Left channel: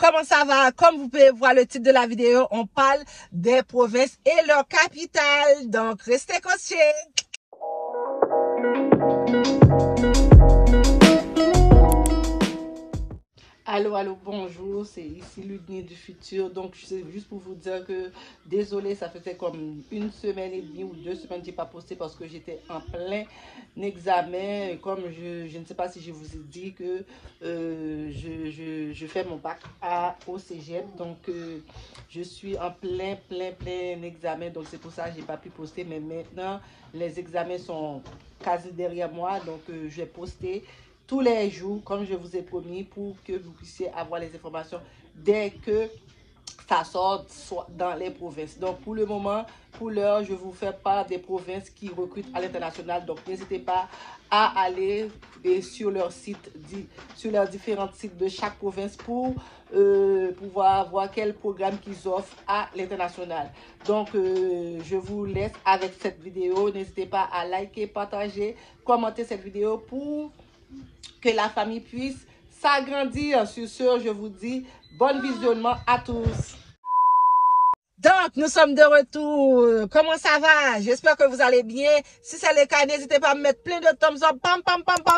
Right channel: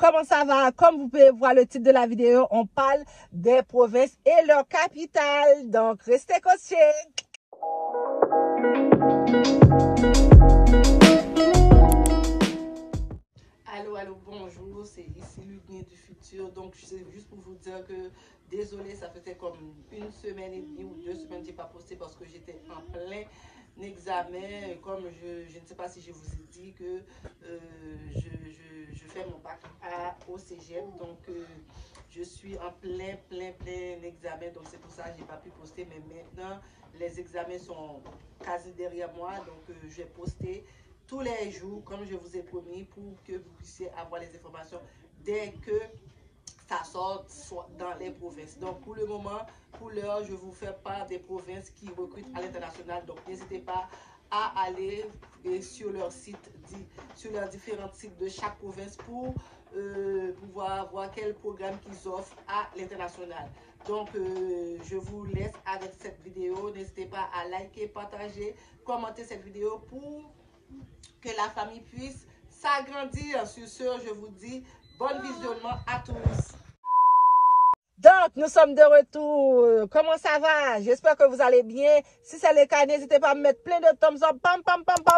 comment ça va? Comme vous pouvez voir le titre de la vidéo, on parle des provinces et leurs capitales. Donc, restez coachés. Allô, bonjour, c'est ici Ludmille du futur. Donc, c'est juste pour vous dire que, désolé, ça faisait comme une semaine et demie ou 2 semaines que je n'ai pas posté parce que j'étais en plein examen. Comme je ne sais pas si je vous ai dit que je fais mon bac au cégep. Donc, je suis en plein examen. Donc, c'est pour ça que je n'ai pas pu poster. Mais maintenant, les examens sont quasi derrière moi. Donc, je vais poster tous les jours, comme je vous ai promis, pour que vous puissiez avoir les informations dès que ça sort dans les provinces. Donc, pour le moment, pour l'heure, je vous fais part des provinces qui recrutent à l'international. Donc, n'hésitez pas à aller sur leur site, sur leurs différents sites de chaque province pour pouvoir voir quel programme qu'ils offrent à l'international. Donc, je vous laisse avec cette vidéo. N'hésitez pas à liker, partager, commenter cette vidéo pour que la famille puisse s'agrandir. Sur ce, je vous dis bon visionnement à tous. Donc, nous sommes de retour. Comment ça va? J'espère que vous allez bien. Si c'est le cas, n'hésitez pas à me mettre plein de thumbs up, pam,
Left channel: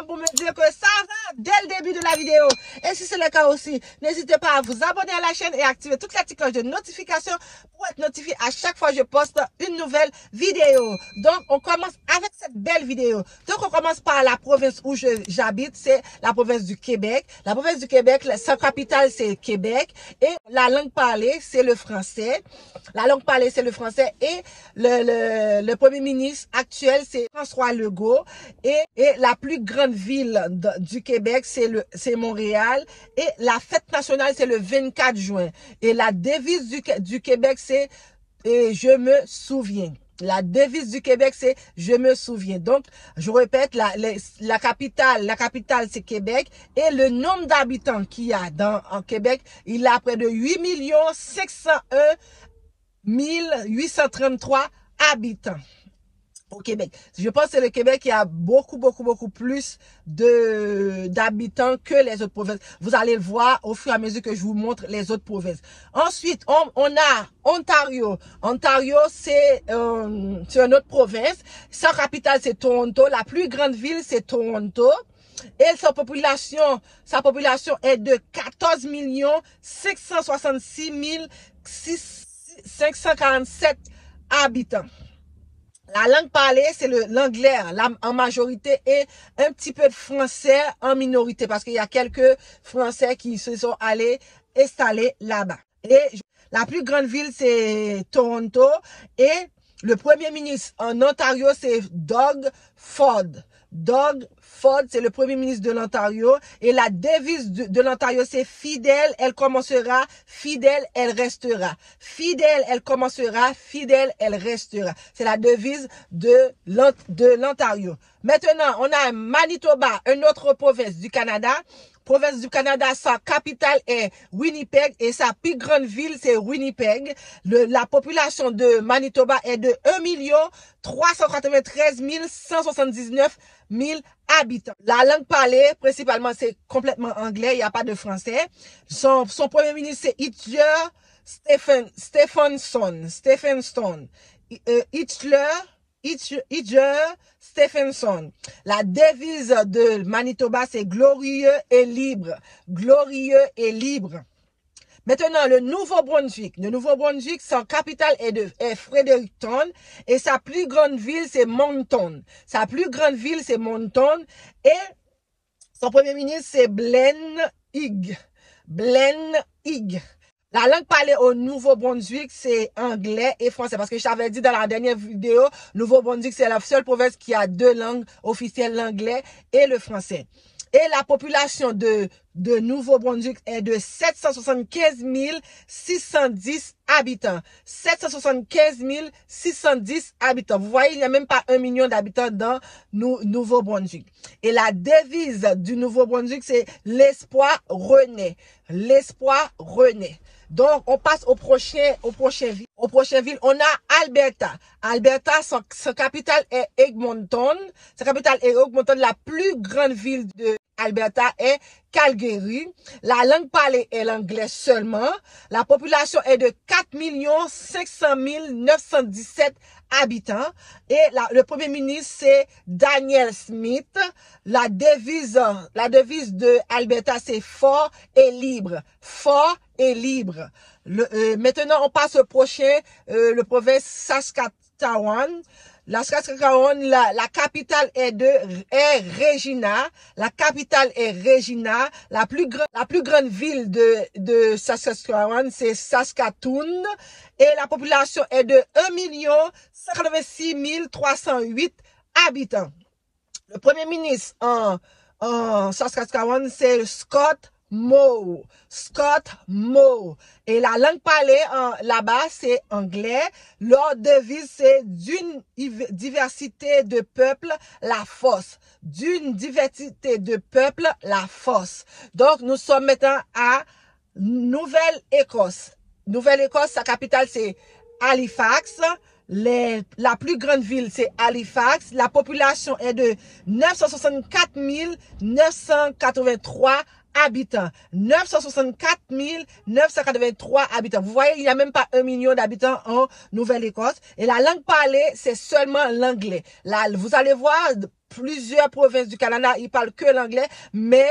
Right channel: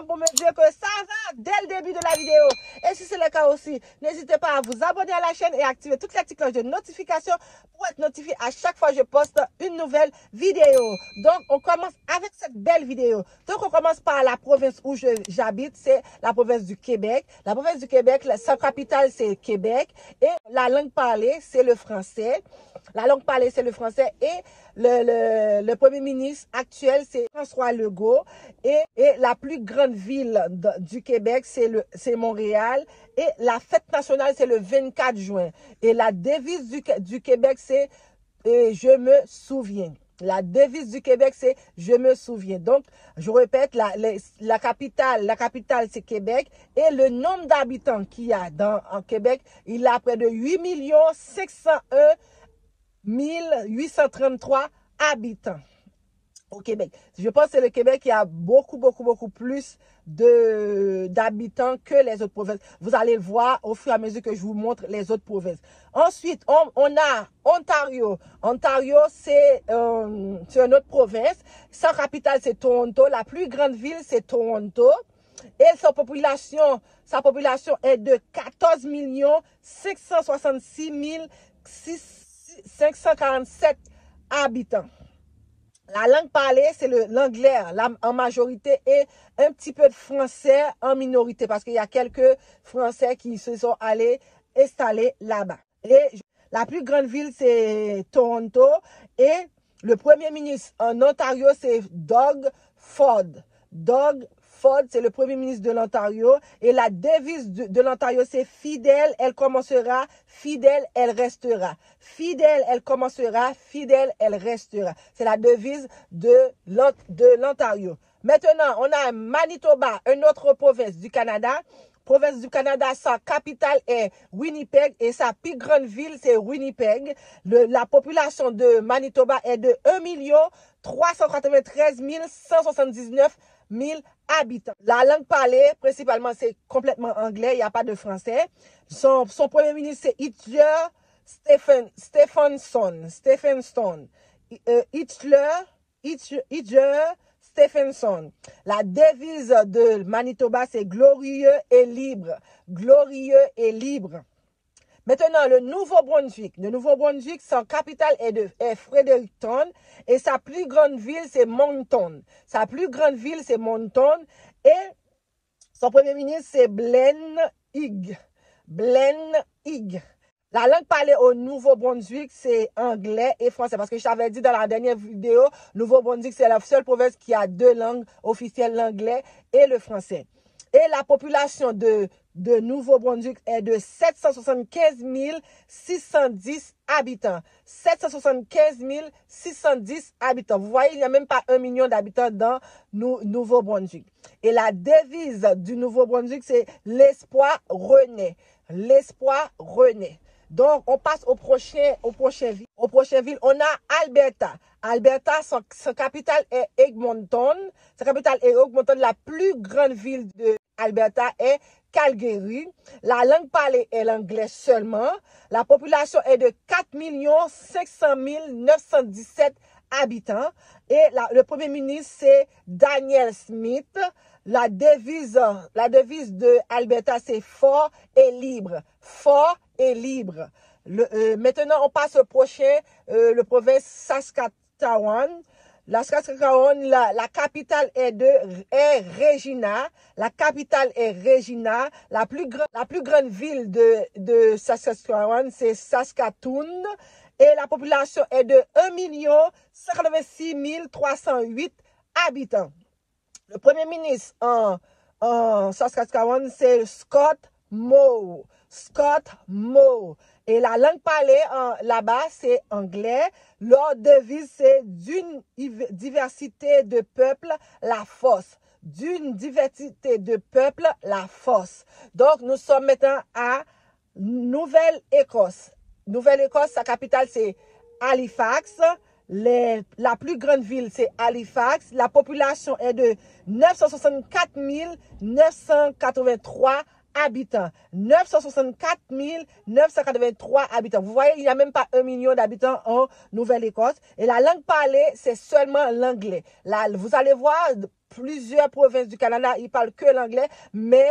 pour me dire que ça va dès le début de la vidéo. Et si c'est le cas aussi, n'hésitez pas à vous abonner à la chaîne et activer toute la petite cloche de notification pour être notifié à chaque fois que je poste une nouvelle vidéo. Donc, on commence avec cette belle vidéo. Donc, on commence par la province où j'habite, c'est la province du Québec. La province du Québec, sa capitale, c'est Québec. Et la langue parlée, c'est le français. La langue parlée, c'est le français et le premier ministre actuel, c'est François Legault. Et la plus grande ville du Québec, c'est Montréal. Et la fête nationale, c'est le 24 juin. Et la devise du Québec, c'est « Je me souviens ». La devise du Québec, c'est « Je me souviens ». Donc, je répète, la capitale, c'est Québec. Et le nombre d'habitants qu'il y a en Québec, il a près de 8 501 1833 habitants au Québec. Je pense que c'est le Québec qui a beaucoup plus d'habitants que les autres provinces. Vous allez le voir au fur et à mesure que je vous montre les autres provinces. Ensuite, on a Ontario. Ontario, c'est une autre province. Sa capitale, c'est Toronto. La plus grande ville, c'est Toronto. Et sa population est de 14 566 547 habitants. La langue parlée, c'est l'anglais en majorité et un petit peu de français en minorité parce qu'il y a quelques Français qui se sont allés installer là-bas. Et la plus grande ville, c'est Toronto et le premier ministre en Ontario, c'est Doug Ford. Doug Ford, c'est le premier ministre de l'Ontario. Et la devise de l'Ontario, c'est fidèle, elle commencera, fidèle, elle restera. Fidèle, elle commencera, fidèle, elle restera. C'est la devise de l'Ontario. Maintenant, on a Manitoba, une autre province du Canada. Province du Canada, sa capitale est Winnipeg et sa plus grande ville, c'est Winnipeg. La population de Manitoba est de 1 393 179 000 habitants. La langue parlée, principalement, c'est complètement anglais, il n'y a pas de français. Son premier ministre, c'est Hitler Stephenson. La devise de Manitoba, c'est glorieux et libre. Glorieux et libre. Maintenant, le Nouveau-Brunswick. Le Nouveau-Brunswick, son capitale est Fredericton et sa plus grande ville, c'est Moncton. Sa plus grande ville, c'est Moncton et son premier ministre, c'est Glenn Higg. Glenn Higg. La langue parlée au Nouveau-Brunswick, c'est anglais et français. Parce que je t'avais dit dans la dernière vidéo, Nouveau-Brunswick, c'est la seule province qui a 2 langues officielles, l'anglais et le français. Et la population de Nouveau-Brunswick est de 775 610 habitants. 775 610 habitants. Vous voyez, il n'y a même pas 1 million d'habitants dans Nouveau-Brunswick. Et la devise du Nouveau-Brunswick, c'est l'espoir renaît. L'espoir renaît. Donc, on passe au prochain ville. On a Alberta. Alberta, son capitale est Edmonton. Sa capitale est Edmonton, la plus grande ville Alberta est Calgary. La langue parlée est l'anglais seulement. La population est de 4 500 917 habitants. Et le premier ministre, c'est Daniel Smith. La devise de Alberta, c'est fort et libre. Fort et libre. Maintenant, on passe au prochain, le province Saskatchewan. La Saskatchewan, la capitale est Regina. La capitale est Regina. La plus grande ville de Saskatchewan, c'est Saskatoon. Et la population est de 1 186 308 habitants. Le premier ministre en Saskatchewan, c'est Scott Moe. Scott Moe. Et la langue parlée là-bas, c'est anglais. Leur devise, c'est d'une diversité de peuples, la force. D'une diversité de peuples, la force. Donc, nous sommes maintenant à Nouvelle-Écosse. Nouvelle-Écosse, sa capitale, c'est Halifax. La plus grande ville, c'est Halifax. La population est de 964 983 habitants. 964 983 habitants. Vous voyez, il n'y a même pas 1 million d'habitants en Nouvelle-Écosse. Et la langue parlée, c'est seulement l'anglais. Là, vous allez voir, plusieurs provinces du Canada, ils parlent que l'anglais, mais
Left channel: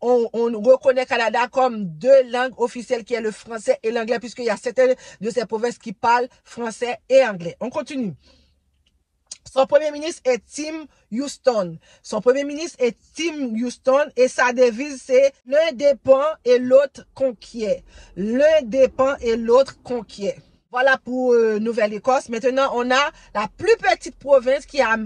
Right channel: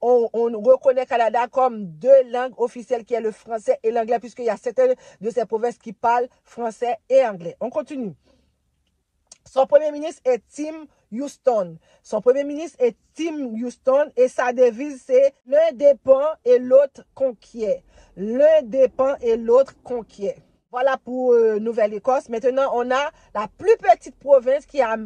on reconnaît Canada comme deux langues officielles qui est le français et l'anglais, puisqu'il y a certaines de ces provinces qui parlent français et anglais. On continue. Son premier ministre est Tim Houston. Son premier ministre est Tim Houston et sa devise c'est l'un dépend et l'autre conquiert. L'un dépend et l'autre conquiert. Voilà pour Nouvelle-Écosse. Maintenant, on a la plus petite province qui a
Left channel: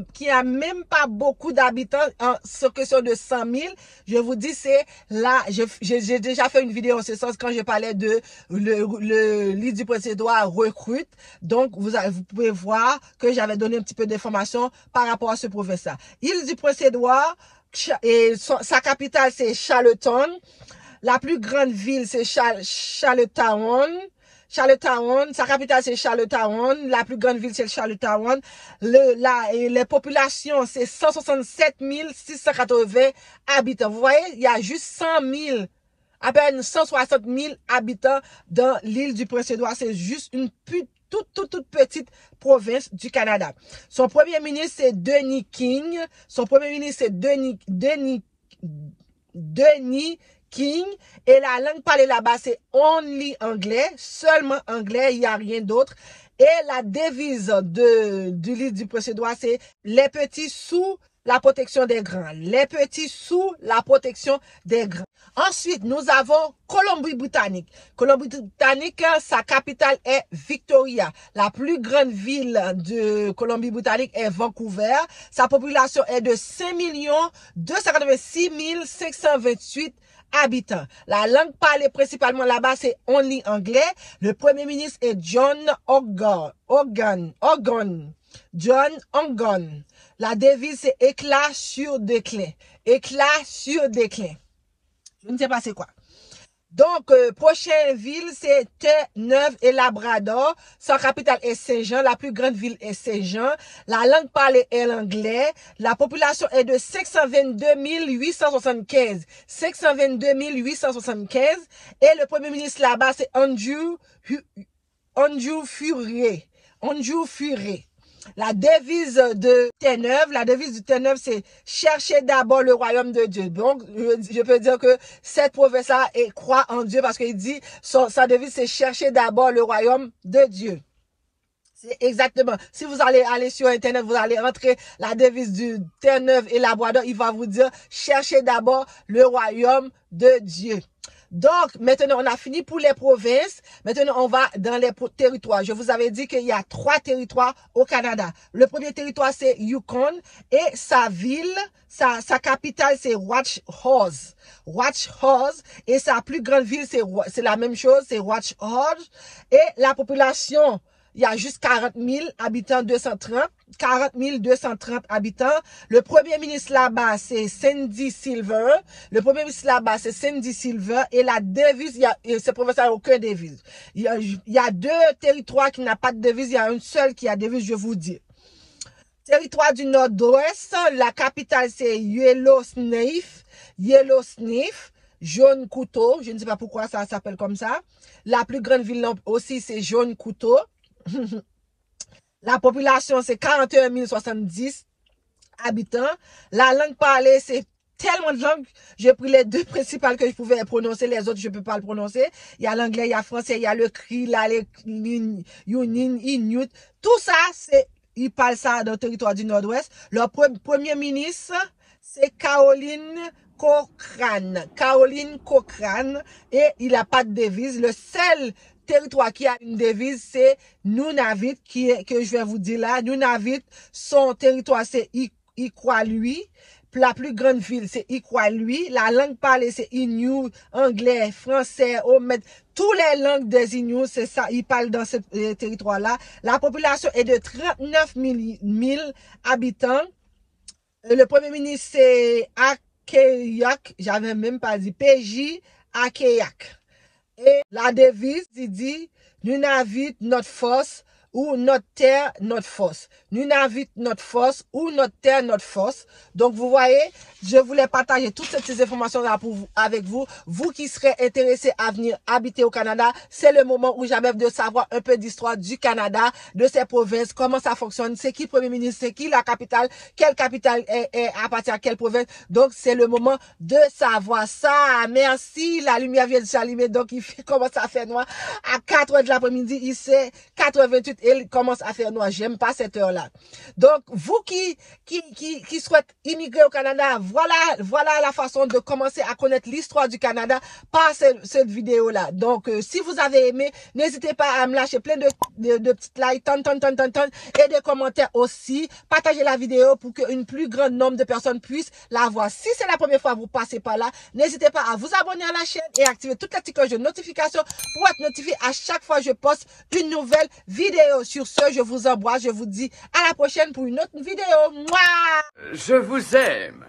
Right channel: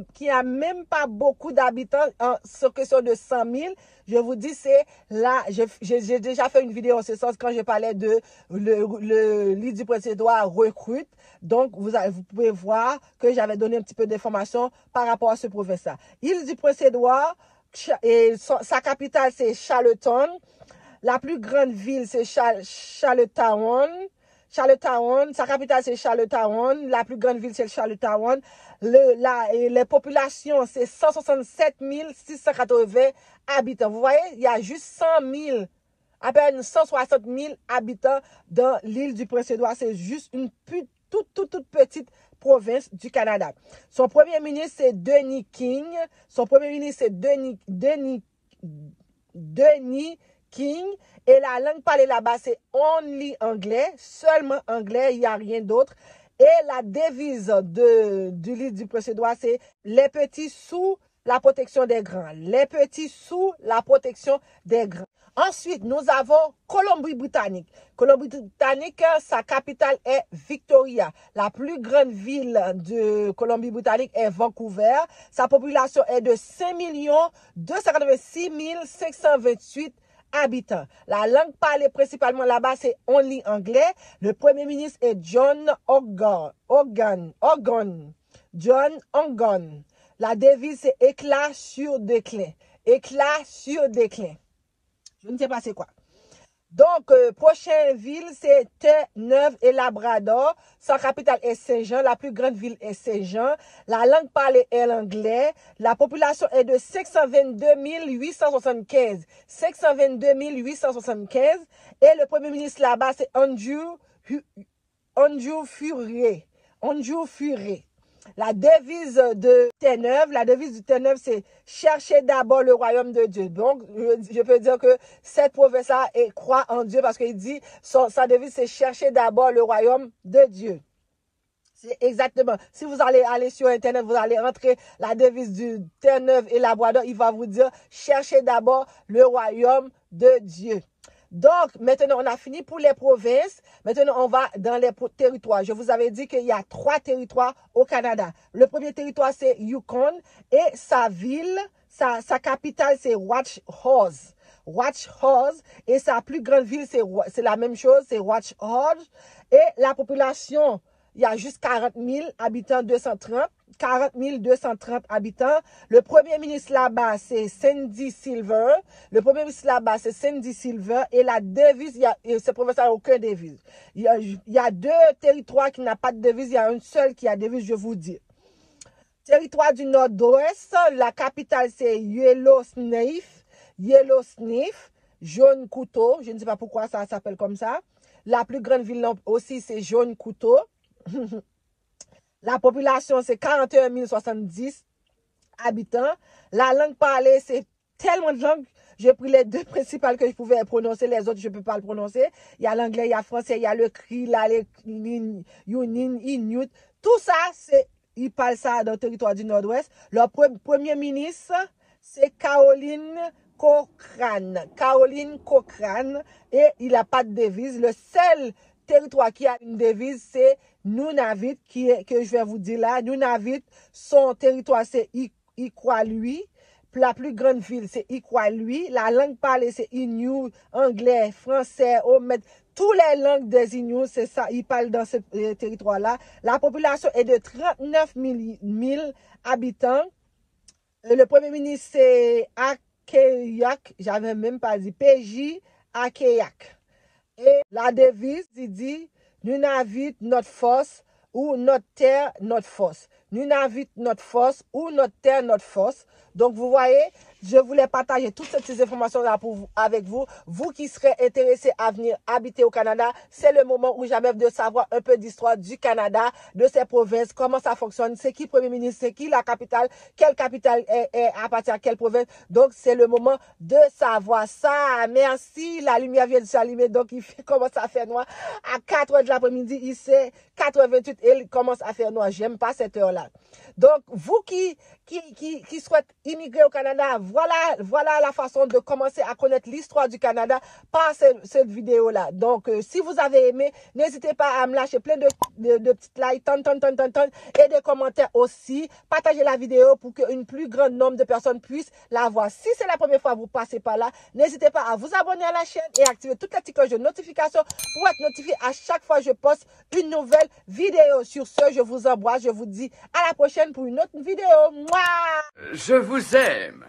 même pas beaucoup d'habitants en question de 100 000. Je vous dis, c'est là, j'ai déjà fait une vidéo en ce sens quand je parlais de l'île du Prince-Édouard recrute. Donc, vous pouvez voir que j'avais donné un petit peu d'informations par rapport à ce province-là. Île du Prince-Édouard, sa capitale, c'est Charlottetown. La plus grande ville, c'est Charlottetown. Charlottetown, sa capitale c'est Charlottetown, la plus grande ville c'est Charlottetown. Les populations c'est 167 680 habitants. Vous voyez, il y a juste 100 000, à peine 160 000 habitants dans l'île du Prince-Édouard. C'est juste une toute petite province du Canada. Son premier ministre c'est Denis King. Son premier ministre c'est Denis King. Et la langue parlée là-bas, c'est only anglais, seulement anglais, il n'y a rien d'autre. Et la devise de l'île du Prince-Édouard, c'est les petits sous la protection des grands. Les petits sous la protection des grands. Ensuite, nous avons Colombie-Britannique. Colombie-Britannique, sa capitale est Victoria. La plus grande ville de Colombie-Britannique est Vancouver. Sa population est de 5 286 528 habitants. La langue parlée principalement là-bas, c'est only anglais. Le premier ministre est John Horgan. John Horgan. La devise, c'est éclat sur déclin. Éclat sur déclin. Je ne sais pas c'est quoi. Donc, prochaine ville, c'est Terre-Neuve et Labrador. Sa capitale est Saint-Jean. La plus grande ville est Saint-Jean. La langue parlée est l'anglais. La population est de 522 875. 522 875. Et le premier ministre là-bas, c'est Andrew Furey. Andrew Furey. La devise de Terre-Neuve, c'est chercher d'abord le royaume de Dieu. Donc, je peux dire que cette province-là croit en Dieu parce qu'il dit, sa devise, c'est chercher d'abord le royaume de Dieu. C'est exactement. Si vous allez aller sur Internet, vous allez rentrer la devise du Terre-Neuve et Labrador, il va vous dire, cherchez d'abord le royaume de Dieu. Donc, maintenant, on a fini pour les provinces. Maintenant, on va dans les territoires. Je vous avais dit qu'il y a 3 territoires au Canada. Le premier territoire, c'est Yukon. Et sa ville, sa capitale, c'est Whitehorse. Whitehorse. Et sa plus grande ville, c'est la même chose, c'est Whitehorse. Et la population, il y a juste 40 000 habitants, 40 230 habitants. Le premier ministre là-bas, c'est Cindy Silver. Le premier ministre là-bas, c'est Cindy Silver. Et la devise, ce province n'a aucun devise. Il y a 2 territoires qui n'ont pas de devise. Il y a un seul qui a devise, je vous dis. Territoire du Nord-Ouest, la capitale c'est Yellowknife, Jaune Couteau, je ne sais pas pourquoi ça s'appelle comme ça. La plus grande ville aussi c'est Jaune Couteau. La population c'est 41 070 habitants. La langue parlée c'est tellement de langues. J'ai pris les deux principales que je pouvais prononcer, les autres je ne peux pas le prononcer. Il y a l'anglais, il y a le français, il y a le cri, Yunin, Inuit. Tout ça c'est il parle ça dans le territoire du Nord-Ouest. Leur premier ministre, c'est Caroline Cochrane. Et il n'a pas de devise. Le seul territoire qui a une devise, c'est Nunavut, que je vais vous dire là. Nunavut, son territoire, c'est Iqaluit. La plus grande ville, c'est Iqaluit. La langue parlée, c'est Inuit, anglais, français, omet. Toutes les langues des Inuits, c'est ça, ils parlent dans ce territoire-là. La population est de 39 000 habitants. Le premier ministre, c'est Akeyak, j'avais même pas dit, PJ Akeyak. Et la devise, il dit, Nunavut, notre force, ou notre terre, notre force. Nunavut, notre force, ou notre terre, notre force. Donc, vous voyez, je voulais partager toutes ces informations-là avec vous. Vous qui serez intéressés à venir habiter au Canada, c'est le moment où j'avais de savoir un peu d'histoire du Canada, de ses provinces, comment ça fonctionne, c'est qui le premier ministre, c'est qui la capitale, quelle capitale est appartient à quelle province. Donc, c'est le moment de savoir ça. Merci, la lumière vient de s'allumer, donc il commence à faire noir. À 4 h de l'après-midi, il c'est 4h28 et il commence à faire noir. J'aime pas cette heure-là. Donc, vous qui souhaitez immigrer au Canada, voilà la façon de commencer à connaître l'histoire du Canada par cette vidéo-là. Donc, si vous avez aimé, n'hésitez pas à me lâcher plein de petites likes, et des commentaires aussi. Partagez la vidéo pour qu'un plus grand nombre de personnes puissent la voir. Si c'est la première fois que vous passez par là, n'hésitez pas à vous abonner à la chaîne et activer toute la petite cloche de notification pour être notifié à chaque fois que je poste une nouvelle vidéo. Sur ce, je vous embrasse, je vous dis à la prochaine pour une autre vidéo. Mouah! Je vous aime.